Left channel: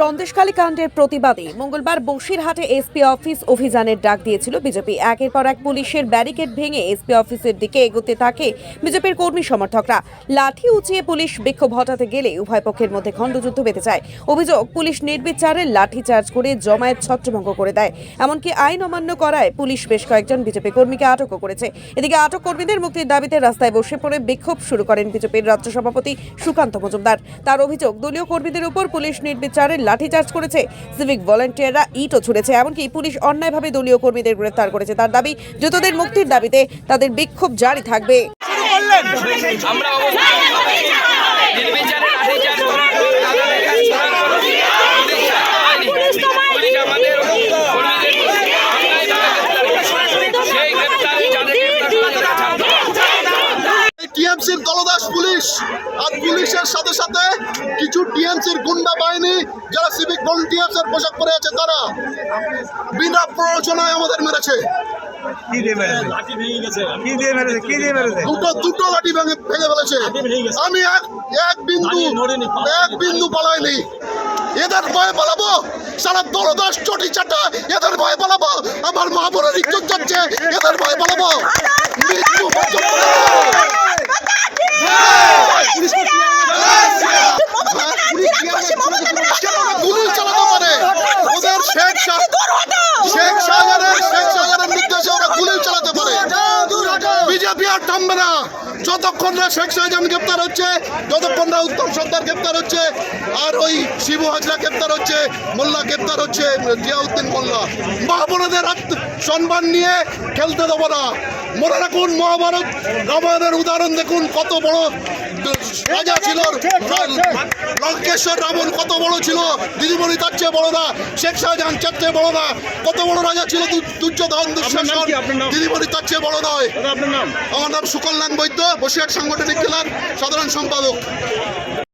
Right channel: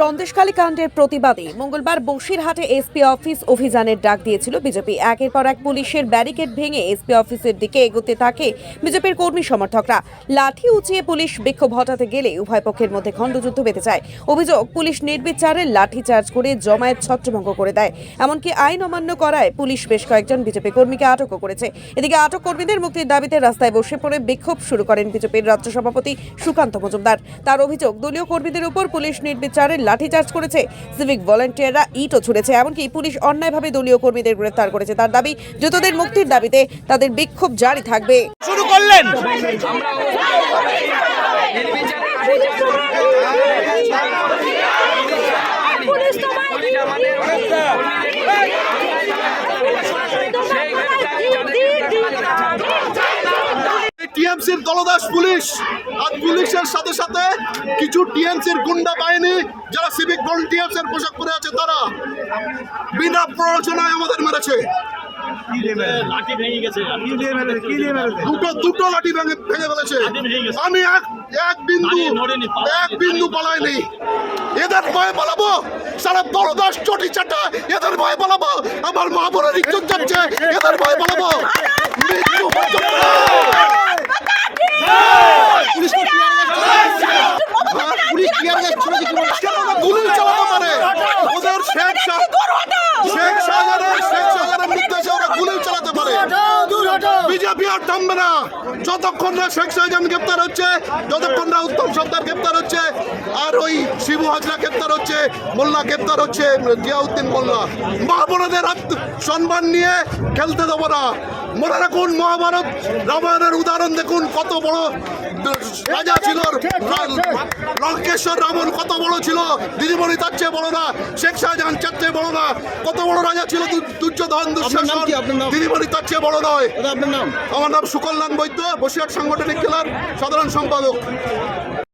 সন্দেশখালী কাণ্ডের প্রতিবাদে মঙ্গলবার বসিরহাটে এসপি অফিস অভিযানের ডাক দিয়েছিল বিজেপি। একের পর এক পুলিশের ব্যারিকেড ভেঙে এসপি অফিসের দিকে এগোতে থাকে বিজেপির কর্মী সমর্থকরা। লাঠি উঁচিয়ে পুলিশ বিক্ষোভ হটাতে গেলে উভয় পক্ষের মধ্যে খণ্ডযুদ্ধ বেঁধে যায়। অভিযোগ, পুলিশ নির্বিচারে লাঠি চার্জ করে জমায়েত ছত্রভঙ্গ করে দেয়। এমনকি আইন অমান্য করায় পুলিশ বেশ কয়েকজন বিজেপি কর্মীকে আটকও করেছে। এদিকে আটক কর্মীদের মুক্তির দাবিতে রাস্তায় বসে পড়ে বিক্ষোভ শুরু করেন বিজেপির রাজ্য সভাপতি সুকান্ত মজুমদার। তার অভিযোগ, দলীয় কর্মীদের উপর পুলিশ নির্বিচারে লাঠিচার্জ করেছে। সিভিক ভলেন্টিয়াররা ইটও ছুড়েছে, এমনকি পুলিশ অন্যায়ভাবে দলীয় কর্মীদের গ্রেফতার করেছে। তার দাবি, যতদের মুক্তির দাবিতে তাদের বিক্ষোভ জারি থাকবে। আমরা অবস্থা নির্বিচারে লাঠিচার্জ করার পর আদালতে কাজ করার পর পুলিশ শান্ত হয়নি পুলিশ আমাদের কর্মীদের অন্যায়ভাবে গ্রেপ্তার করেছে সেই গ্রেপ্তারে যাদের গ্রেপ্তার করা যাদের ছাড়তে টিএমসির দলদাস পুলিশ। আর পুলিশের সাথে সাথে কিছু টিএমসির গুন্ডা বাহিনী যারা সিভিক ভলেন্টিয়ার্স এর পোশাক পরে আছে তারা বিনা প্ররোচনায় আমাদের মেরেছে। কি দিয়ে মেরেছে? লাঠি ভেঙে গেছে। কি দিয়ে মেরেছে? কি দিয়ে মেরেছে? দুটো দুটো লাঠি ভেঙে ভেঙে ফেলেছে। আমি এক এক বিন্দু এক বিন্দু পালাইনি। এদের ভয়ে পালাবো। সারা দলদাস চটি চাটা এদের ভয়ে পালাবো। আমার মা বোনের ইজ্জত যাচ্ছে এদের ভয়ে পালাবো। মৃত্যু পর্যন্ত কেন ওরা গুলি চালাতে পারে ওদের শেখ শেখ শাহজাহানের শেখ শাহজাহানের নির্দেশে ওরা গুলি চালাতে পারে। বিজেপি আর থামবে না। যতক্ষণ না শেখ শাহজাহান গ্রেপ্তার হচ্ছে যতক্ষণ না উত্তম সর্দার গ্রেপ্তার হচ্ছে আর ওই শিবু হাজরা গ্রেপ্তার হচ্ছে মোল্লা গ্রেপ্তার হচ্ছে জিয়াউদ্দিন মোল্লা। মা বোনেদের আত্ম- সম্মান নিয়ে খেলতে দেবো না। মনে রাখুন মহাভারত রামায়ণের উদাহরণ দেখুন কত বড় রাজা ছিল লঙ্কেশ্বর রাবণ কত বড় ছিল? দিদিমণি তার চেয়ে বড় না শেখ শাহজাহান তার চেয়ে বড় না। কত বড় রাজা ছিল দুর্যোধন দুঃশাসন দিদিমণি তার চেয়ে বড় নয়। আমার নাম সুকল্যাণ বৈদ্য বসিরহাট সাংগঠনিক জেলার সাধারণ সম্পাদক।